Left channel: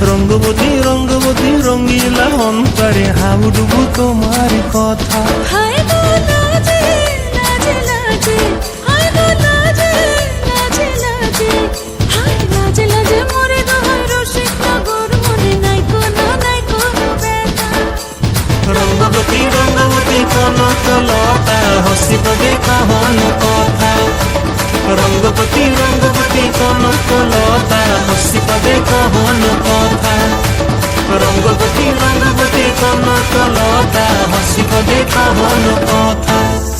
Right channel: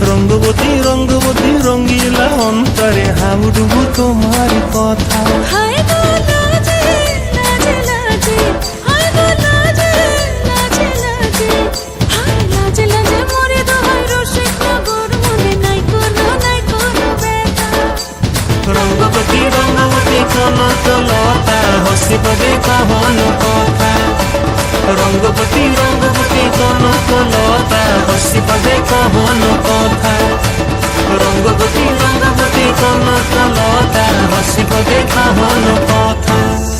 রঙ্গবতী রঙ্গবতী রঙ্গিলা অন্তরে হাবুডুবু তোমার কথা। হায় গো লাজে লাজে লাজে। হায় গো লাজে লাজে লাজে। হায় লাজে লাজে মরে দোহাই রসিক নগর। মনে নাই কোনো নাই কোনো ব্যথা। রঙ্গবতী রঙ্গবতী কনক লতা হসিব দেখহন কথা। রঙ্গবতী রঙ্গবতী কনক হসি পদে কহন কথা। রঙ্গবতী রঙ্গবতী কনক হসি পদে কহন কথা।